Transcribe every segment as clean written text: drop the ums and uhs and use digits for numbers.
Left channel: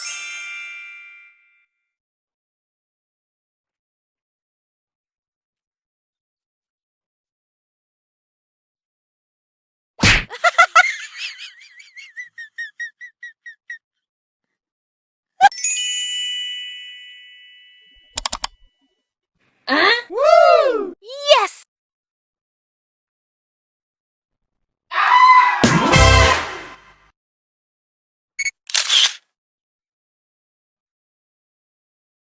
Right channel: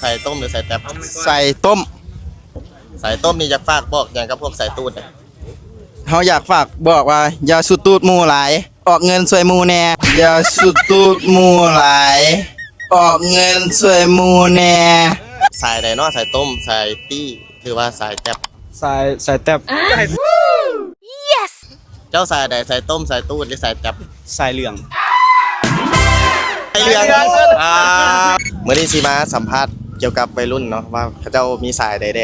ใส่ต้มหรือใส่แตบ ใส่ต้ม ใส่ต้มนี่จะฝากบอกอย่างกับพวกใส่ตูด เขาอยากฝากบอกว่าอย่าสุดตูดหมูหลาย ออกเงินสวยหมูแน่อย่าสุดตูดหมูหลาย ออกเงินสวยหมูแน่ ใส่ใดเนาะใส่ต้มใส่ตี้หรือว่าใส่แตบ ใส่แตบ เจ้าใส่ใดใส่ต้มใส่ตูดหรือใส่แตบ ใส่เหลือง ใส่เรื่องเมื่อนี้สิมาสัมภาษณ์เกี่ยวกับวัยรุ่นเนาะว่าเขาเจ้ามีสายใดแด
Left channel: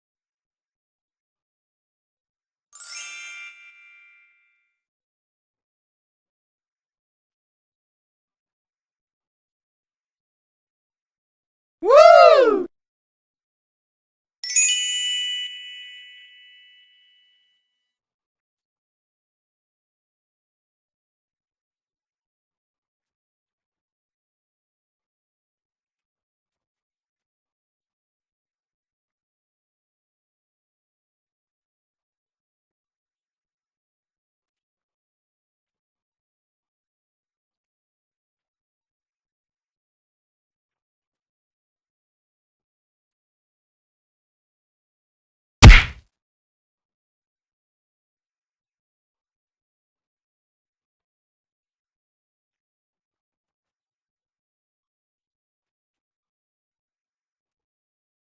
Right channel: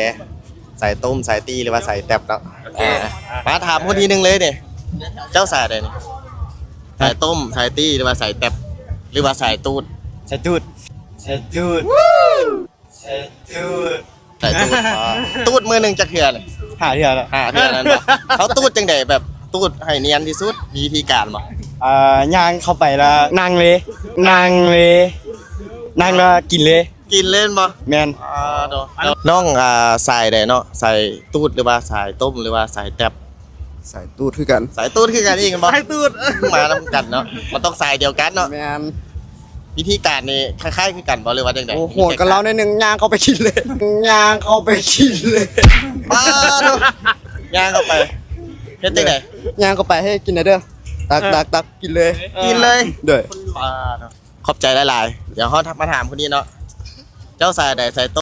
ใส่ต้มใส่ตี้หรือว่าใส่แตบเนาะมาถามคนทีนึงเลยเนี่ยเจ้าสายใดนี่ใส่ต้มใส่ตี้หรือว่าใส่แตบหรือว่าใส่ตูด ใส่ตูดใส่ตูดใส่ตูด ใส่ตูดตูดมือหนึ่งจะเถื่อน หาเถื่อนละ เถื่อนนั้นปะเขาตูดจังไดแบบตูดให้เนียนที่สุดมีวิธีการปะ ย่างเข้าไปแล้วนั่งเลยนั่งแล้วกินเลย กินเล่นปะ แมน น้องใส่ใดเนาะใส่ตูดหรือว่าใส่ต้มหรือว่าใส่แตบ ใส่ตูดคือกัน สายตูดคือกันเองกันบ่สายตูดมาทำกันเนาะมันต้องสายเดียวกันเนาะ แมน วิธีการนี่คล้ายๆคือกันบ่หรือว่าจังได๋ โอ้โหดกันเราในหนึ่งย่างเข้าไปกินเลยย่างเข้าไปกินเลย ป้าเนาะย่างเข้าไปเฮ็ดจังได๋ ย่างเข้าไปให้กินหน่อยเด้อตักกินเลย กินเลย เด้อ ป้าเนาะขอบใจหลายๆเดี๋ยวเฮามาถามคนนี้เนาะเจ้าสายใดสายต้ม